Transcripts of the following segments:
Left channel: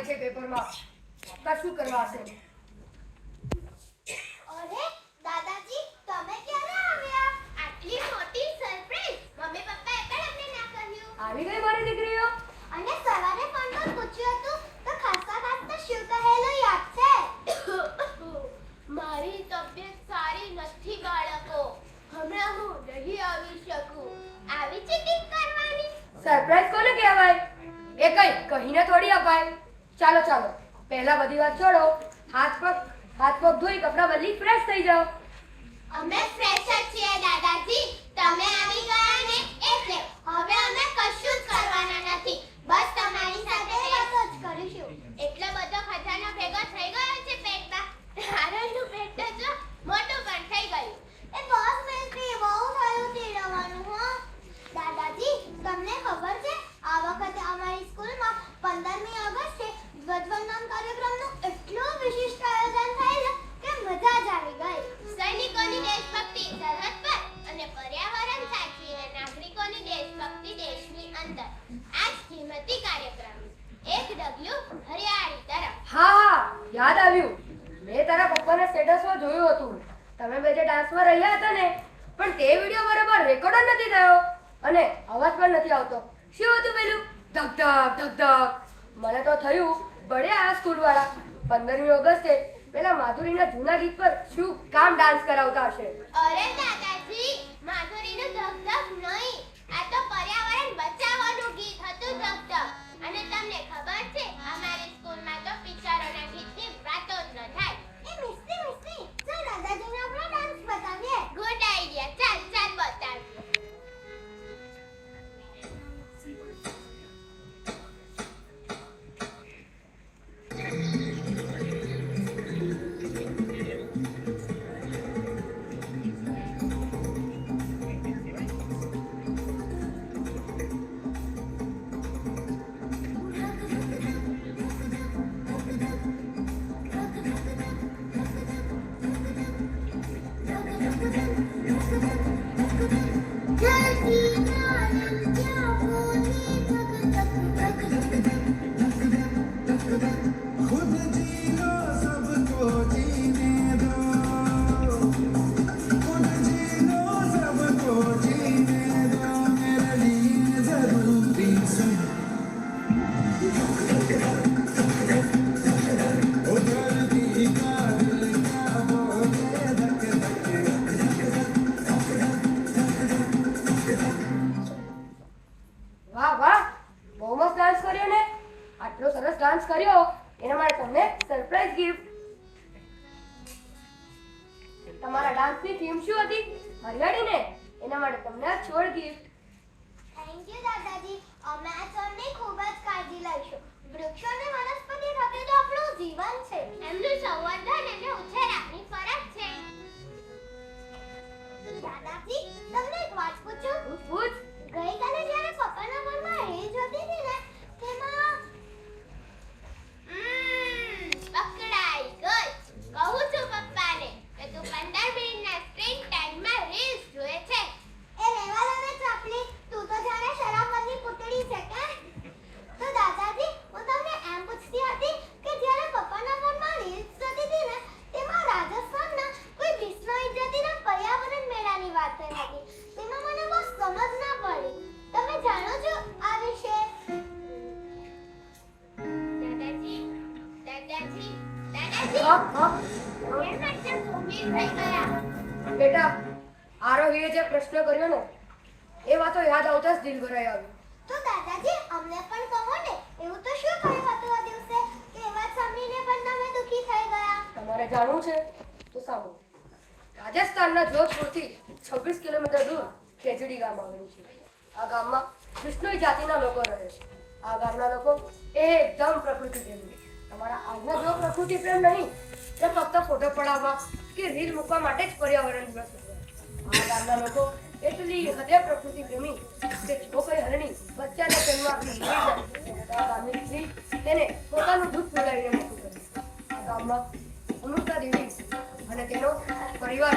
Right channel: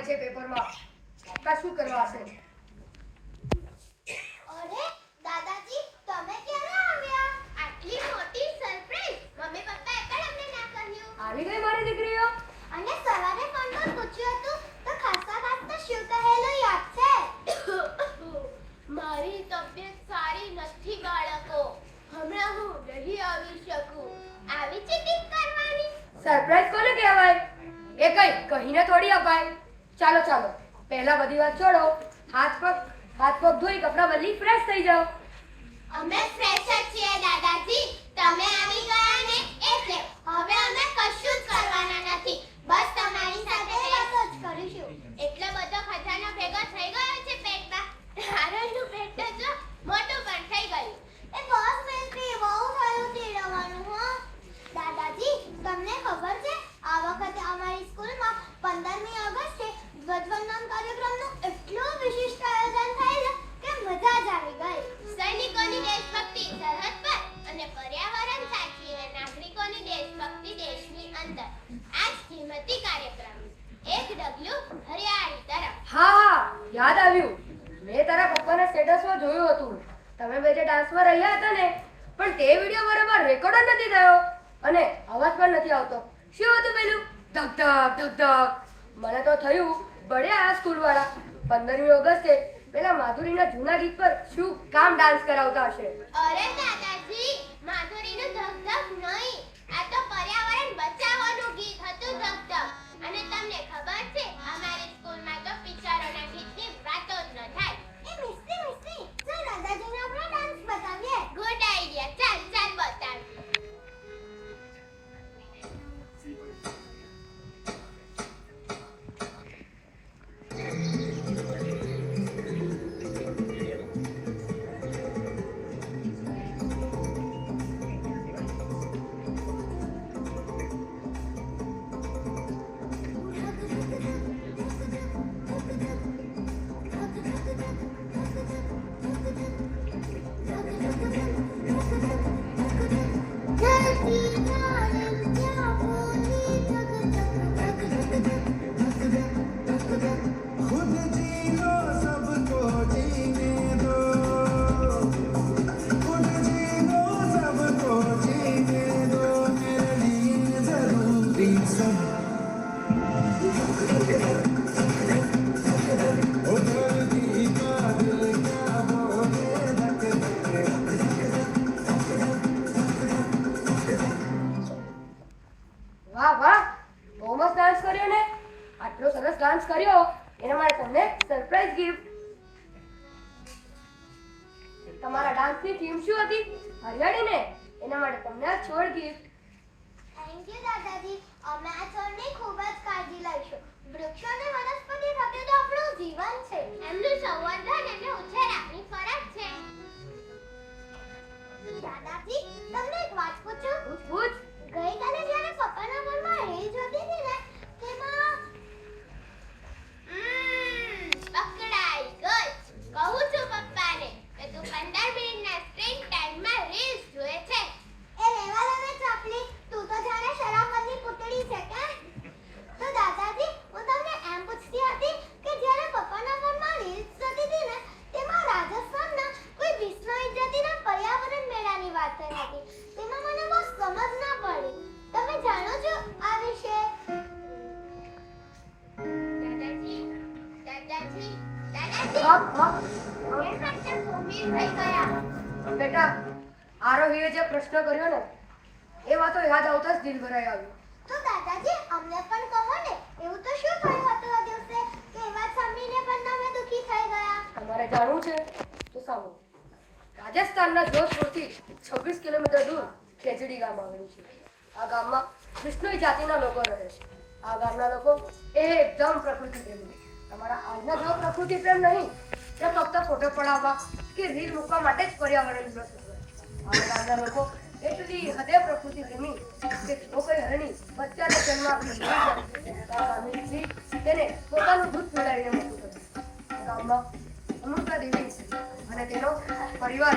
આવે છે પેપરમાં. કશું કરવા હશે. અરે દાદાજી, તમે ક્યારે આવ્યા? આટલી મોટી સરપ્રાઈઝ મમ્મી પપ્પાએ પણ અમને ના કહ્યું. આવી ગઈ મારી દીકરીઓ. અને સવારે ફોનમાં પૂછ્યું હતું તો ખાસા શું કહેલું યાદ છે? મારી તબિયત સારી નથી બાળકો. હમણાં હું નહીં આવી શકું. આવી ચીટિંગ કરવાની? સરપ્રાઈઝ કોને કહેવાય? એ કહીને થોડી અપાય. ચાલો ચાલો, પહેલા બધી વાત છોડો. હાથ પગ ધોઈ કપડાં બદલી ફ્રેશ થઈ જાઓ. અમે ફ્રેશ જ છીએ દાદાજી. તમે આવી ગયા ને એટલે હવે અમે કશું જ કરવાના નથી. બસ તમારી સાથે વાતો જ કરીશું. એટલો બધો ખજાનો ભેગો થઈ ગયો છે પેટમાં. હારાનું પેટ તો મોટું પણ થઈ ગયું. એ બસ મિલતી બહુ થયું તીરવાનું હો. દાદાજી, તમને ખબર છે આ વખતે અમારી સ્કૂલમાં 15મી ઓગસ્ટે ધ્વજવંદન કાર્યક્રમનું એટલું વિશિષ્ટ આયોજન થયેલું કે મજા જ આવી ગઈ. સૈનિકોની દેશભક્તિ સરહદ પર અને પર્યાવરણ સાચવીને નાગરિકોની દેશભક્તિ દેશની અંદર. આ જ કિંમતી કાર્યક્રમ. એક ડગલું હરિયાળી તરફ. હા, યાદ આવ્યું. મેં તારા પપ્પાના સ્ટેટસમાં જોયું હતું. તમે બે જે ડાન્સમાં રહ્યા હતા ને, પણ તે વિડિયો બરાબર રેકોર્ડ જ નથી થયો અને અવાજ પણ નથી આવતો. શું હતું પેલું? ધક ધક ધક ધક. મને તો થયું બળ્યા આ સ્કૂલવાળા 15મી ઓગસ્ટે પેલા માધુરીના જૂના ગીત પર શું કામ ડાન્સ કરાવતા હશે. અરે દાદાજી, માધુરીનું ધક ધક નહીં, આ તો પર્યાવરણ બચાવવાનું ગીત હતું ધક ધક. અને તમને ખબર છે અમારી સ્કૂલમાં તો પિક્ચરોના ગીતની વાતો જ ન થાય. એ મિસ્ટી જો દાદાજીને આપણે ડાન્સ બતાવીએ. Good idea. ચાલ ચાલ બતાવ. વાહ વાહ, બહુ મસ્ત ડાન્સ કર્યો ને. આટલો સરસ ડાન્સ કર્યો એના માટે તમને સરપ્રાઈઝ ગિફ્ટ. તમારા ડાન્સની થીમ શું હતી? હરિયાળી ને. એના માટે તમને આ છોડ ગિફ્ટ. થેન્ક યુ દાદાજી. અમે આ છોડની ખૂબ જ કાળજી લઈશું. વૃક્ષો અને વનસ્પતિ સાથે તો આપણું જીવન છે. એમનું સંવર્ધન અને ઉછેર આપણી ફરજ છે. દાદાજી, તમને એક વાત પૂછું? પૂછ. ગઈકાલે જ્યારે પપ્પાના ઘરમાં રીલ જોતી હતી ને, તેમાં પકડાઈ ગઈ. કહું છું પપ્પાને કે તું 15 મિનિટના સ્ક્રીન ટાઈમમાં રીલ્સ જોએ છે. એ લેવા દે ને ચપલી, તું તો જાણે શરાબની પુતળી છે કે? તો દાદાજી, હું તમને એમ પૂછતી હતી કે જ્યારે પપ્પાના ઘરમાં રીલ્સ જોતી હતી ને, તેમાં રાજસ્થાનના કોઈ વિશ્વ ઇજ્જતીના પર્યાવરણ મેળાની વાત થઈ હતી. તેમાં મને બહુ સમજ ના પડી. તમે જાણો છો આ વિશે? દાદાજી. બેટા, આરોહીએ જે પ્રશ્ન કર્યો ને એ વાતો યાદ આવતા જ દિલ ભરાઈ આવ્યું. તો દાદાજી, અમને પણ કહો ને, એવું તો શું થયું હતું આ દિવસે કે એ વાત સાંભળીને પણ તમે દુખી થઈ ગયા? તમારે જાણવું છે તો સાંભળો. રાજસ્થાનના જોધપુરથી 26 કિલોમીટર દૂર ખેજડી ગામ આવેલું છે. આ ગામમાં વિષ્ણુ જાતિના લોકો રહે છે. આ ગામના લોકો એકદમ પ્રકૃતિ પ્રેમી. તમારા આજના જેવો પ્રકૃતિ પ્રેમ નહીં, એ ફક્ત ફોટો પડાવવા કે રીલ મૂકવા માટે જ પર્યાવરણ દિવસ ઉજવે. આ ગામના લોકો એટલી હદે પ્રકૃતિ પ્રેમી કે જો કોઈ હરણી બચ્ચાને જન્મ આપી લઈ જાય તો ગામની સ્ત્રી તેને પોતાનું દૂધ પીવડાવીને મૂકી દે. આ ગામમાં અમૃતા દેવી અને તેનો પરિવાર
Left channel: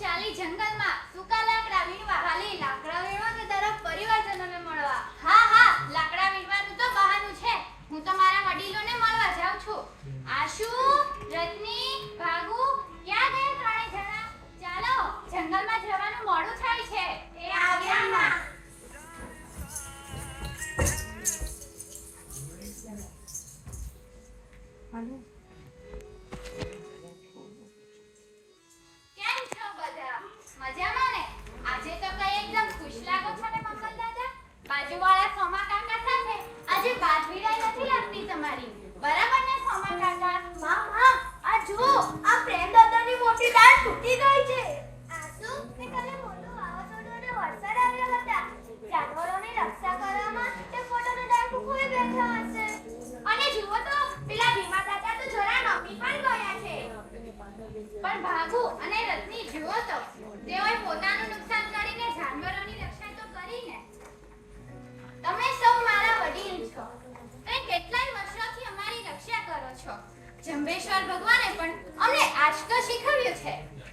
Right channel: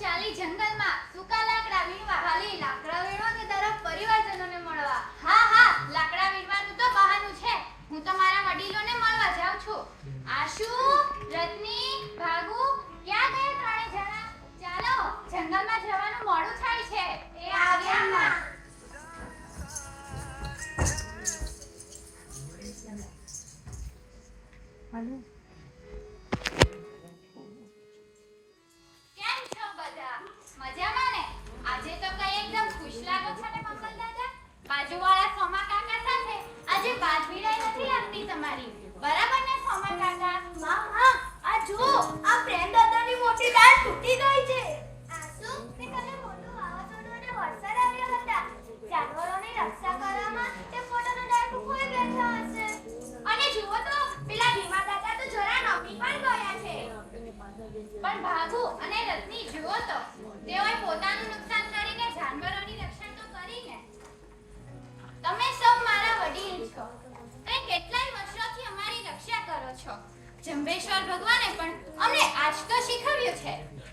ચાલી જંગલમાં સૂકા લાકડા વીણવા. ખાલી લાકડા વીણવા કે તારા પરિવારજનોને મળવા? હા હા, લાકડા વીણવાનું તો બહાનું છે. હું તો મારા વડીલોને મળવા જાઉં છું. આશુ, રત્ની, ભાગુ, ક્યાં ગયા ત્રણે જણા? ચાલો, જંગલમાં જવાનું મોડું થાય છે. એ આવ્યા ના. કેમ છો બધા? મજામાં ને? આજે તો કઈ એકદમ ખુશ લાગો છો ને મંગલ દાદા? બાજુવાળા સોમા કાકા સાથે આજે વાત વિડાઈ નથી લાગતી તમારી. બરાબર ને સોમા કાકા? હા, આ જુઓ, આ પ્રેમ દાદાની મોટી ડાળ તૂટી ગઈ છે. આસુ, તે કાલે મોટું વાવાઝોડું અને વરસાદ આવ્યો હતા. જાનવરોની રક્ષા કરવામાં તે પોતાનો ડાળ તૂટી બેઠા હશે. અને જુઓ તો પેલા ભીમા દાદા તો જરા નમી પણ ગયા છે. પણ ભાગુ અને રત્ની જુઓ તો, તેઓએ પોતાનું નુકસાન કરીને જાનવરોની રક્ષા તો કરી ને. તમે સૌ મારા વડીલ છો. તમે કેટલાય વર્ષોથી અમારી રક્ષા કરો છો. જંબેશ્વર ભગવાને પણ અમને આજ તો શીખવ્યું છે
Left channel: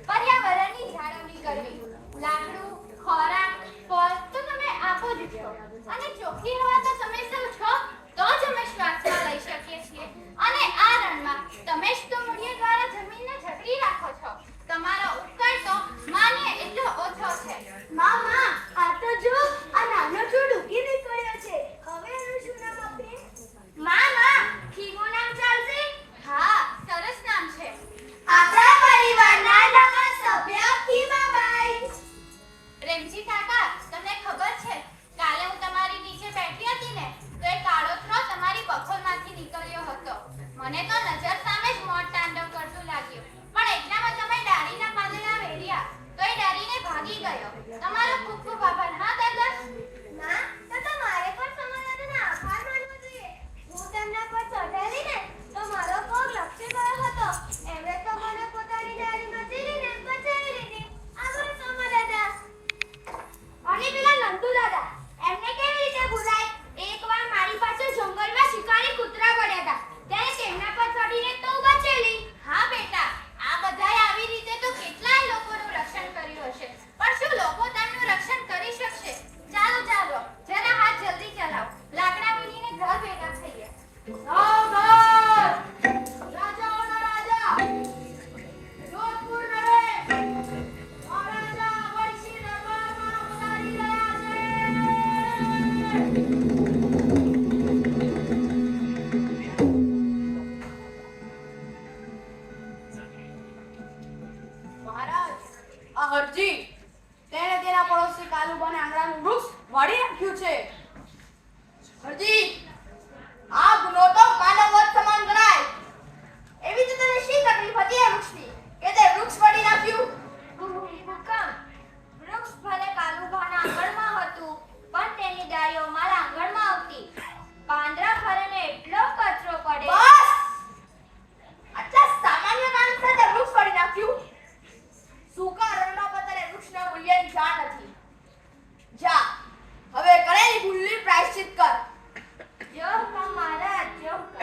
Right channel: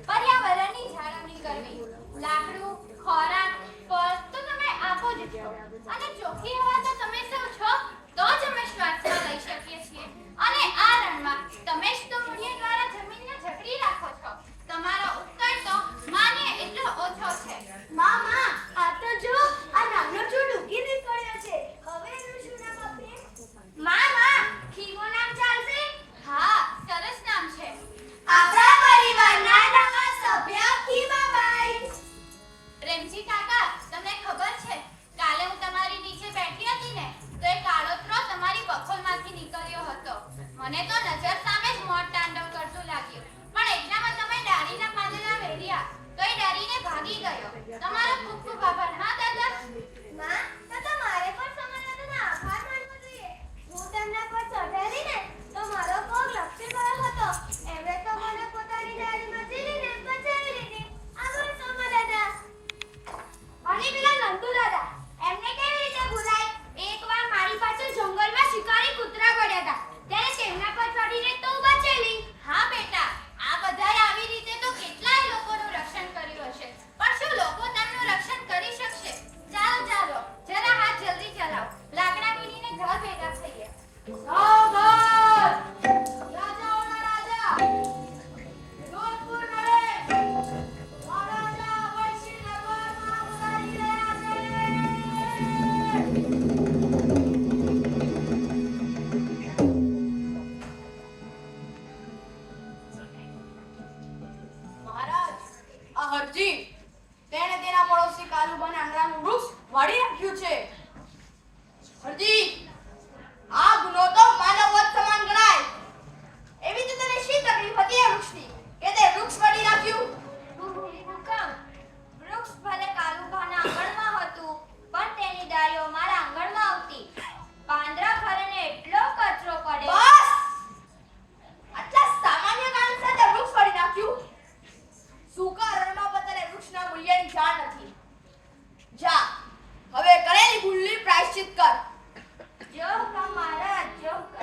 પર્યાવરણની જાળવણી કરવી. લાકડું, ખોરાક, ફળ તો તમે આપો જ છો. અને ચોખ્ખી હવા તો તમે સૌ છો તો જ અમે શ્વાસમાં લઈ શકીએ છીએ. અને આ રણમાં તમે જ તો મૂળિયા દ્વારા જમીનને જકડી રાખો છો. તમારો ઉપકાર તો માનીએ એટલો ઓછો છે. મામા, આ તો જો, આ નાનો છોડ ઉગી નીકળ્યો છે. હવે એનું શું નામ આપીએ? મામા, ખીમો નામ ચાલશે? હા, સરસ નામ છે. આપણા પરિવારના નવા સભ્ય ખીમાબાઈ. રેમજી કાકા, તમને ખબર છે કાલે હું તમારી નીચે બેઠી હતી ને તો એક કાળોતરો તમારી બખોલમાંથી નીકળ્યો હતો. મને તો નજર સામે જ મોત તાંડવ કરતું લાગ્યું. પણ એટલામાં તમે ડાળીના પાંદડા વેર્યા તો એ ડરીને ભાગી ગયો. તમારો ખૂબ ખૂબ આભાર. હા દાદા? ના, તો તમારે પણ સમાધાનનો આભાર માનવો જોઈએ. હું તેમના પર ચઢેલી ને તો મારો પગ લપસી ગયો હતો. એમણે તો મને પોતાની ડાળીમાં ઝીલીને બચાવી લીધી. આભાર સોમા દાદા. અને પેલા નંદુ દાદા, એમને કેવી રીતે ભૂલાય? એકવાર મારી પાસે જંગલમાં શિકારી કૂતરા પડ્યા હતા, ત્યારે તેમના પર ચડીને તો બચેલી. હા બેટા, આ બધાએ આવી રીતે તો કેટલાય લોકોનું રક્ષણ કર્યું હશે. પણ શું લોકો તેમનું રક્ષણ કરી શકશે? ચાલો ચાલો, જરા હાથ જલ્દી ચલાવો. લાકડા વીણીને ઘર ભેગા થઈએ. સાવધાન! રાજાઓના રાજા જોધપુર નડે. મહારાજા અભયસિંહ દરબારમાં ઉતારી રહ્યા છે. મહારાજ, આ હરજી તેણે તેના પડોશી કાલુબાને આંગણાનું વૃક્ષ વાળી નાખ્યું છે. હરજી, આ ગુનો તો માનવવધ સમાન ગણાય. એવી તો તને શી તકલીફ હતી એ વૃક્ષની કે તે વૃક્ષ વાળી નાખ્યું? હુકમ, વૃક્ષ ભલે કાલુબાના આંગણમાં હતું, પણ તેની ડાળીઓ મારા આંગણમાં આવતી. પાંદડા ખરેને એટલો કચરો પડે. બસ! આટલા સામાન્ય કારણસર તે વૃક્ષ વાળી નાખ્યું? સૂકા રણમાં પણ તને વૃક્ષના મૂલ્યની જાણ નથી. જા, હવે કરેલી ભૂલની પ્રાયશ્ચિત કર. જો હુકમ મહારાજ, જો હુકમ.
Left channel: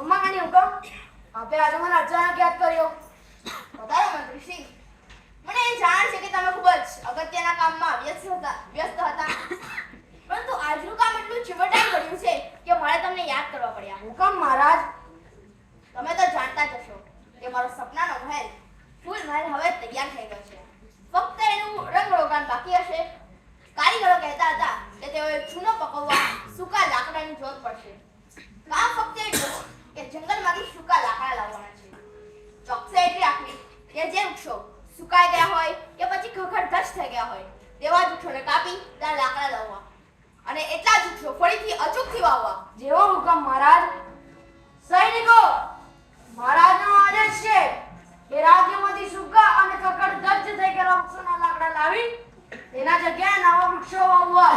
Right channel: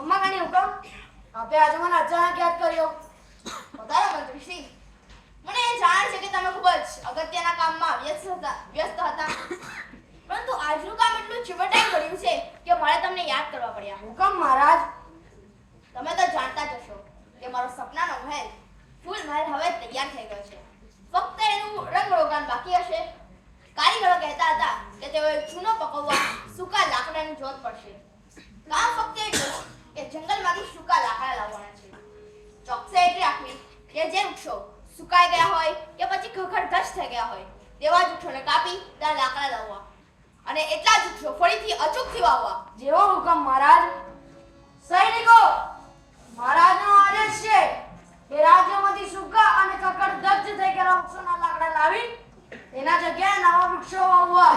અમ્માની હુકમ, આપે આજે મને અચાનક યાદ કર્યો. વધારે મંત્રીશ્રી, મને એ જાણ છે કે તમે ખૂબ જ અગત્યના કામમાં વ્યસ્ત હતા. પરંતુ આજનું કામ એટલું ચીવટાઈ ગયું છે કે મારે તમને યાદ કરવા પડ્યા. હુકમ મહારાજ. તમે તો જાણતા જ હશો કે મારો સપનાનો મહેલ ફૂલ મહેલ હવે તૈયાર થઈ ગયો છે. ફક્ત એનું રંગરોગાન બાકી હશે. કારીગરો કહેતા હતા કે તેઓએ ચૂનો પકવવા સૂકા લાકડાની જરૂર પડશે. કામ ફક્ત એટલું કે જંગલમાંથી સૂકા લાકડા લાવવાના છે. ચોકસાઈ એટલી રાખવી કે જે વૃક્ષો સુકાઈ ગયા હોય કે પછી ખખડધજ થઈ ગયા હોય તેવા જ વૃક્ષોને કાપી ત્યાં લાકડા લાવવા અને એટલા જ વૃક્ષો ફરીથી અચૂકથી વાવવા. જેવો હુકમ મહારાજ. સૈનિકો, મહારાજનો આદેશ છે કે રાજ્યમાંથી સૂકા અને કકડધજ થઈ ગયેલા વૃક્ષોના લાકડા લાવી તેના જગ્યાએ નવા વૃક્ષો વાવવા.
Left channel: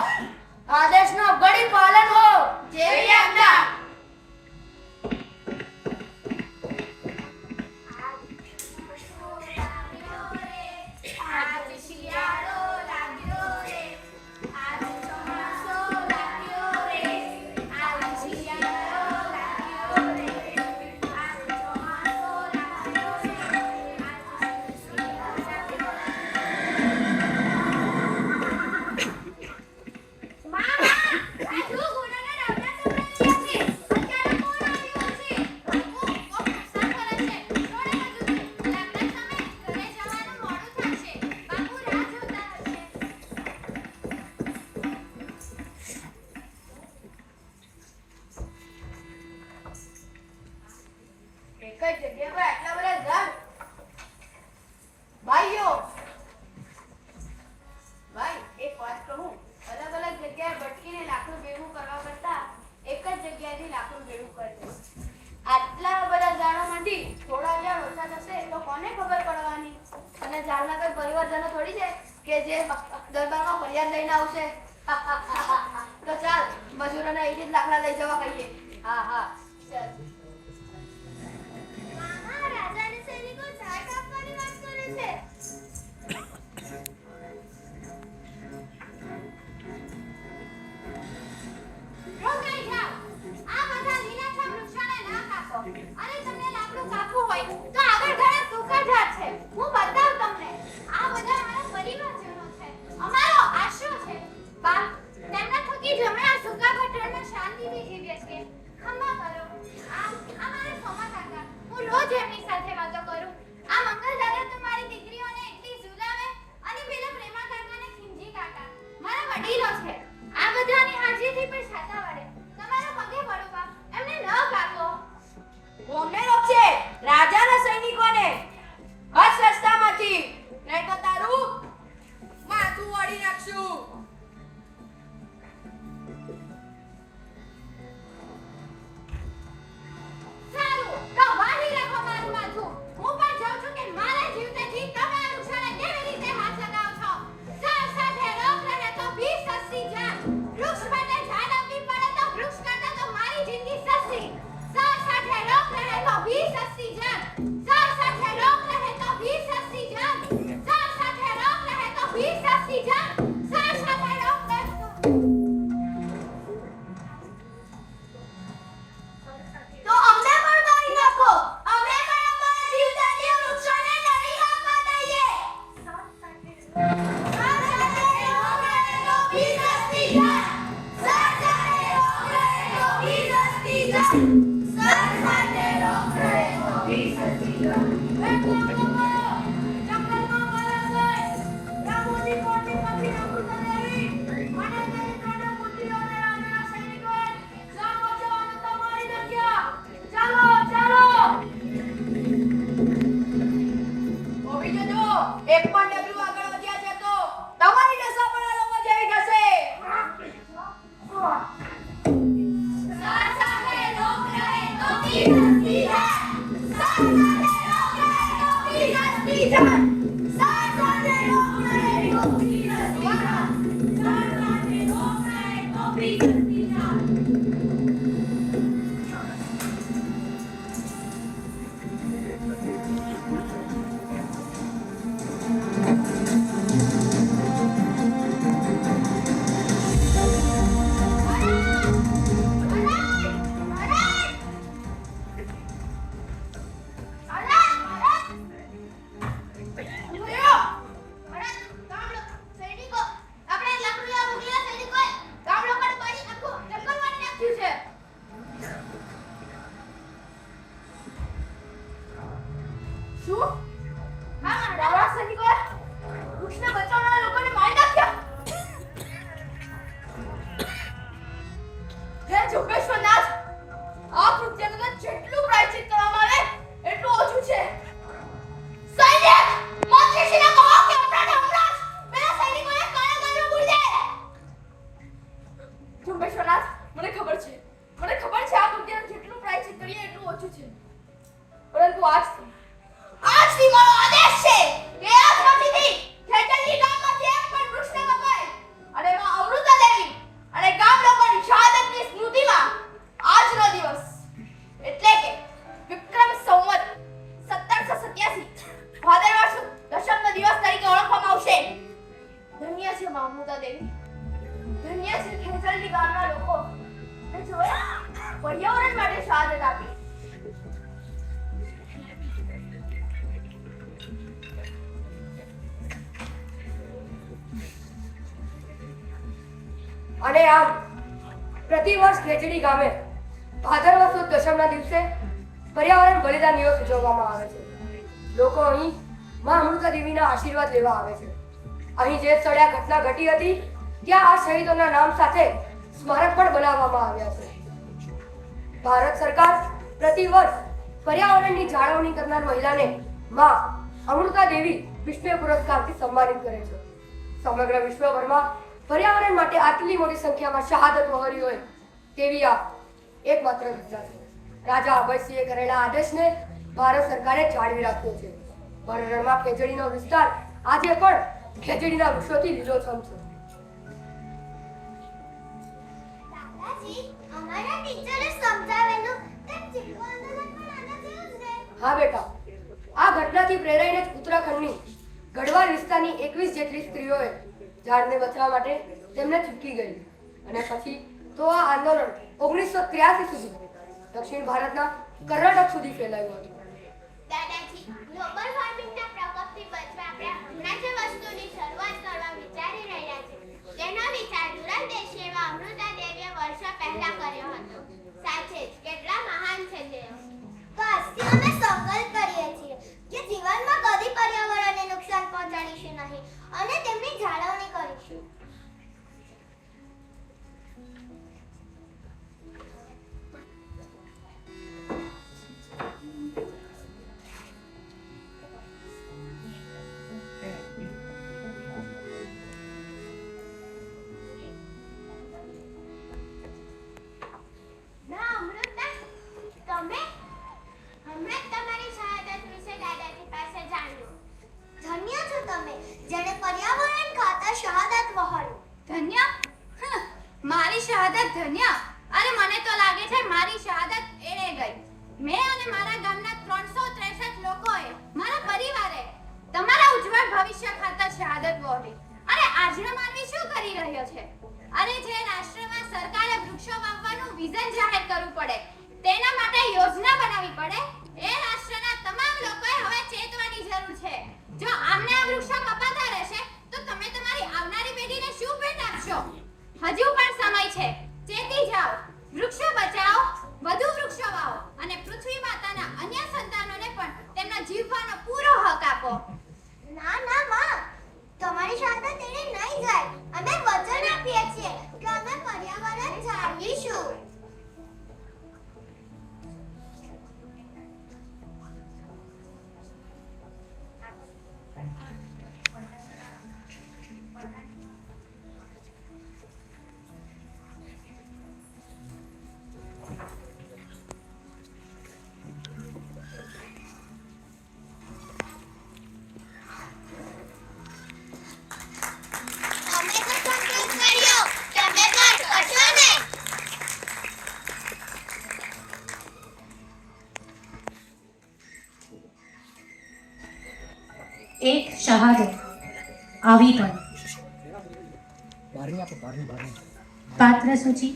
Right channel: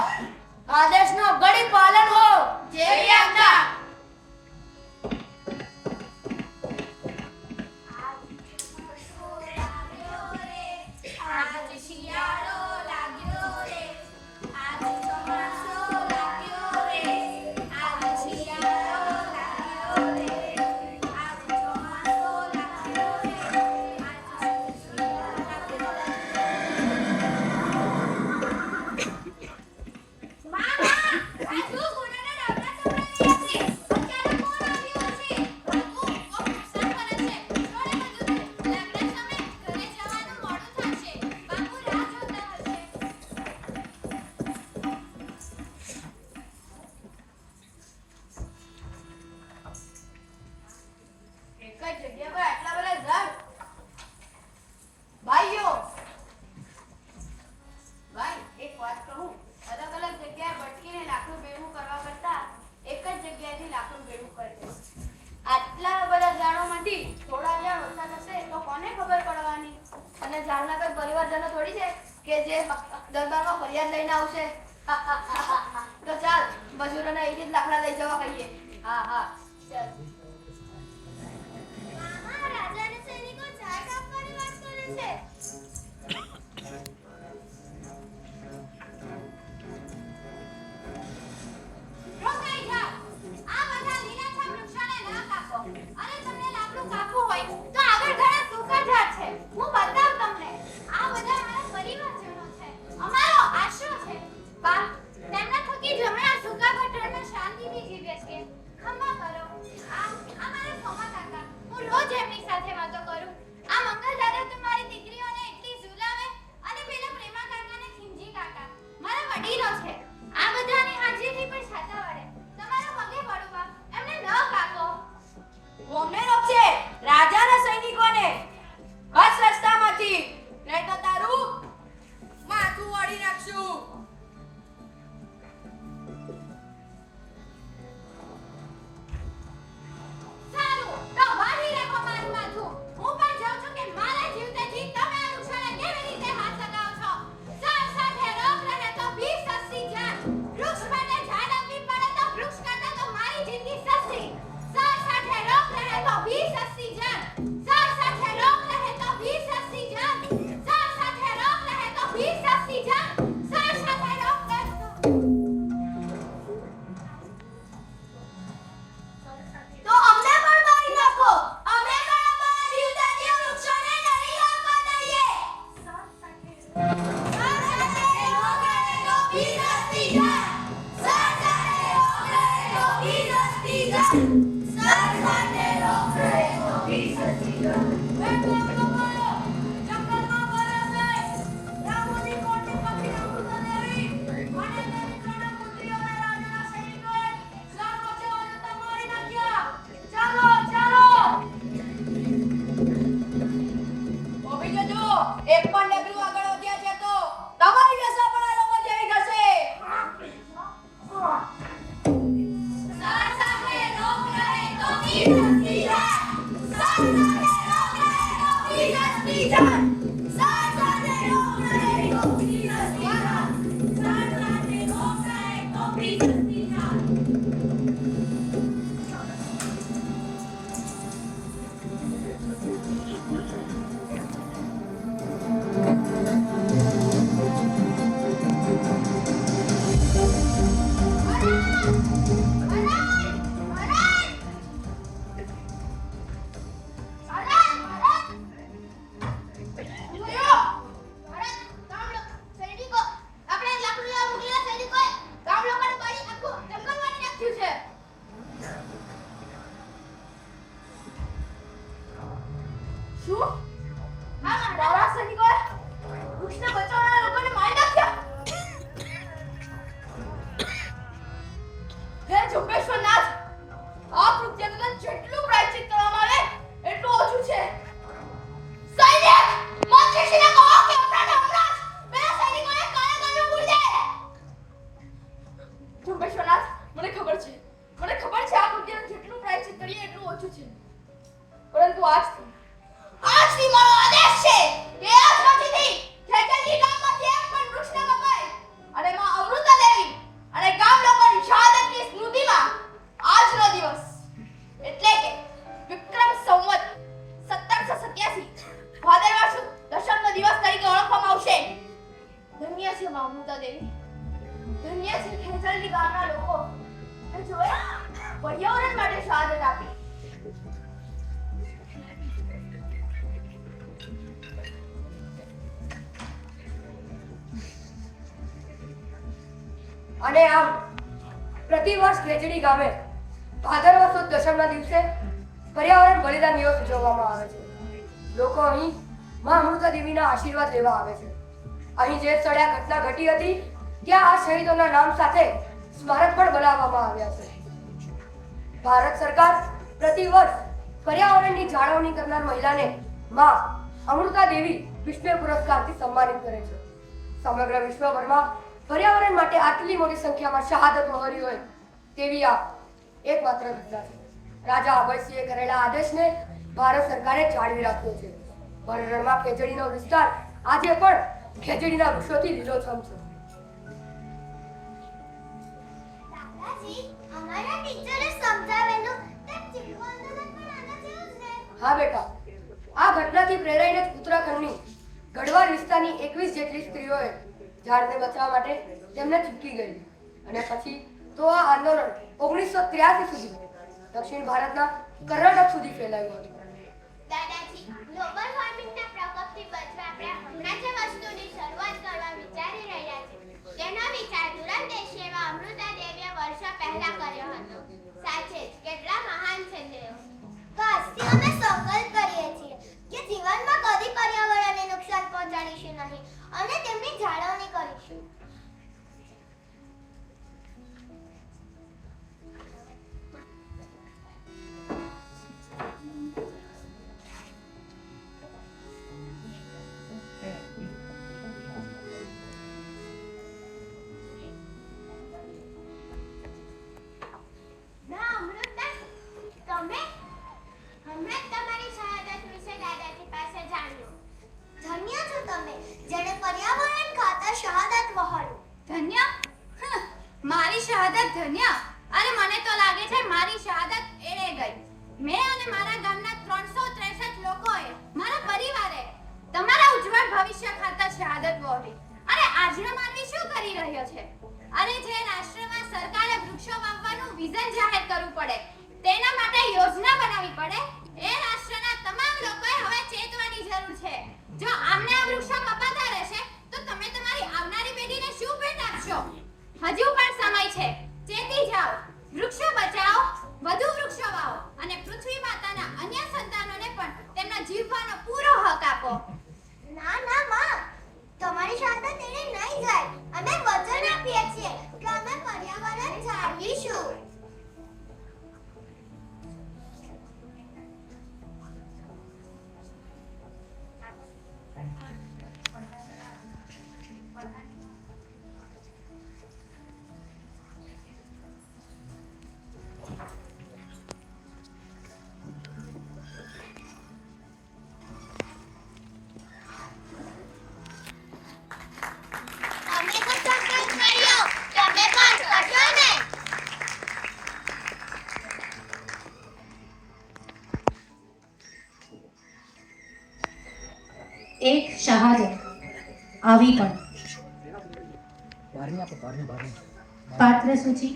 આદેશનો ઘડી પાલન હો. જેવી આજ્ઞા. જગ્યા પર આટલા બધા ઝાડ. ભાઈઓ, ભાઈ એક વાત કહું, અલગ અલગ જગ્યાએ ભટકીને લાકડું ભેગું કરવા કરતા એક જ જગ્યાએથી લાકડું ભેગું કરજો. આટલા બધા ઝાડોમાંથી થોડા ઝાડ ઓછા થશે તો કોને ખબર પડવાની? અને ઝાડના કોઈ પરિવારજનો થોડી છે કે જે દરબારમાં ફરિયાદ લઈને આવશે. તો ચાલ મજૂરોના એક જ લાકડા લઈ જવા કહીએ. હા હા ચાલ. મામા, રાજાના સૈનિકો ઝાડ કાપવાની વાત કરે છે. રોકાઈ જાઓ. આ બધા લીલાછમ વૃક્ષોને ના કાપો. અને તમને લાકડું કાપવું હોય તો આગળ ઘણા સૂકા ઝાડ છે. હું બતાવું તમને. આ બધા મારા પરિવારજનો છે. અમારો આશરો છે. બા, તેમના થકી જ અમે આ સૂકા પઠારમાં શાંતિથી જીવીએ છીએ. ખમા કરો. આ મારા સોમા કાકા. હું રોજ એમની સાથે વાતો કરું. આ મંગલ દાદા તો મારી દીકરીઓને એટલી ઝુલાવે અને પેલા પ્રેમા કાકાને ખીમજી કાકા. મારા વડીલો છે. આ બધાની હાજરીથી પણ છાતા વળે. તમારા પગે પડો બા. એમને ન કાકો. અમને રોકશે રાજાના સૈનિકોને હસ રસ્તામાંથી, નહીં તો તારું માથું વાળી નાખશું. સારું, તો વાળી રાખો મારું માથું. હું પણ જોઉં છું કે મારા જીવતેથી તમે આ વૃક્ષોને કેવી રીતે હાથ લગાવો છો. ઝાડ સાથે રોગ રહે તો ભી સસ્તી જાન. વૃક્ષ માટે ઝાડ આપવી પડે તો વૃક્ષ કરતા તો મારી જિંદગી સસ્તી. ઝાડ સાથે રોગ રહે તો ભી સસ્તી જાન. ઝાડ સાથે રોગ રહે તો ભી સસ્તી જાન. ઝાડ સાથે રોગ રહે તો ભી સસ્તી જાન. ઝાડ સાથે રોગ રહે તો તો અમને પણ મારી નાખો. અમે પણ અમારા જીવતાની વૃક્ષોને નહીં લાવવા દઈએ. એક પણ ડગલું આગળ વધ્યા છે તો તમારી દશા પણ આ લોકો જેવી થશે. ઝાડ સાથે રોગ રહે તો ભી સસ્તી જાન. ઝાડ સાથે રોગ રહે તો ભી સસ્તી જાન. ઝાડ સાથે રોગ રહે તો ભી સસ્તી જાન. ઝાડ સાથે રોગ રહે તો ભી સસ્તી જાન. પરંતુ આજથી મારો આદેશ છે કે આજ પછીથી ખેતરની ગામમાંથી એક પણ વૃક્ષ ન કપાય. અને માં અમૃતા દેવી અને ગામ લોકોની શહાદતની સ્મૃતિમાં આજનો દિવસ એટલે કે વિક્રમ સંવત 1787 ભાદરવા સુદ દશમનો દિવસ તરીકે ઓળખવામાં આવશે. ધન્ય છે માં અમૃતા દેવી, ધન્ય છે ખેતરની ગામના લોકો કે જેઓએ પર્યાવરણ માટે શહાદત આપી. અને આમ પ્રતિવર્ષ ખેચડી ગામે ભાદરવા સુદ દશમના દિવસે પર્યાવરણ બલિદાન દિવસ ઉજવવામાં આવે છે. લોકો અહીં માં અમૃતા દેવીના આશીર્વાદ લેવા આવે છે. અહીં જે સ્થળે આ ઘટના ઘટી હતી ત્યાં આ શહીદોના નામ સાથે સ્મારક પણ બનાવવામાં આવ્યા છે. ભારત સરકાર પ્રતિવર્ષ પર્યાવરણની જાળવણી કરનાર મહિલાને માં અમૃતા દેવી વિશ્વ પુરસ્કારથી સન્માનિત કરે છે. સમગ્ર વિશ્વભરમાં પર્યાવરણ માટે આટલી મોટી સંખ્યામાં શહાદત વહોરી હોય તેવી આ એકમાત્ર ઘટના છે. રાજા અભયસિંહે કરેલા આદેશને ભારત સરકારે જાળવી રાખ્યો છે. ભરડમાં ખેજડીનો વિસ્તાર આજે પણ ખેજડીના વૃક્ષોથી લીલોછમ છે. દાદાજી, અમારા ટીચરે સમજાવેલું તેમ ચીપકો આંદોલન પણ આના જેવું જ છે. હા બેટા, આ ઘટનાથી પ્રેરાઈને જ ઉત્તરાખંડની ગઢવાલ વિસ્તારની 21 જેટલી સ્ત્રીઓએ ઝાડને બચાવવા માટે તેમને ચૂકી ગઈ અને પછી તો આ આંદોલન 1983 સુધી દક્ષિણ ભારતના કર્ણાટક સુધી ફેલાયું હતું. દાદાજી, ગ્લોબલ વોર્મિંગના પ્રકોપથી બચવા આપણે હમણાં જે વસ્તુની શરૂઆત કરવા વિચારી રહ્યા છે તેનો વિચાર દૂરંદેશી એવા અમૃતા દેવીએ વર્ષો પહેલા કર્યો હતો. સાચે જ કેટલા મહાન છે તેઓ. તો આજથી અમે સંકલ્પ કરીએ છીએ કે જીવનમાં કદી પર્યાવરણને નુકસાન પહોંચાડીશું નહીં અને તેમની જાળવણી કરીશું. ના અમૃતા, તમે હમણાં તમારી શહાદત વિશે દાદાજી પાસે જાણ્યું. ધન્ય છો તમે જેણે પર્યાવરણ ખાતર શહાદત વહોરી. ધન્ય? મારી શહાદત ધન્ય? અરે મને તો લાગે છે મારી શહાદત એળે ગઈ. મેં અને મારા ગામના 363 લોકોએ, મારા પરિવારે તમારા ઉજ્જવળ ભવિષ્ય ખાતર શહાદત વહોરી. અરે આજનો માનવી શું કરી રહ્યો છે? અરે જે રાષ્ટ્રમાં સરકારે વૃક્ષો વાવવાનું વિઝન જાહેર કરવું પડે, તેના માટે યોજના બનાવવી પડે, એ રાષ્ટ્રના તમામ લોકોએ હવે ચેતવાની જરૂર છે. જો આમને આ વૃક્ષો કપાતા રહેશે તો તમે તમારી આવનારી પેઢીને શું ભેટ આપશો? હજુ પણ સમય છે. ચેતી જાઓ, વૃક્ષો બચાવો, વધુ વૃક્ષો વાવો અને પૃથ્વી માતાના અન્ય સંતાનોને પણ તેમના જીવવાનો પૂરો હક આપો. ના ના માં, તમારી શહાદત એને નહીં જાય. અમે વચન આપીએ છીએ કે અમે પર્યાવરણ જાળવીશું. અમે તો સંકલ્પ કર્યો, તમે પણ કરશો ને? એક શહાદત આવી પણ. પાત્ર સૂચિ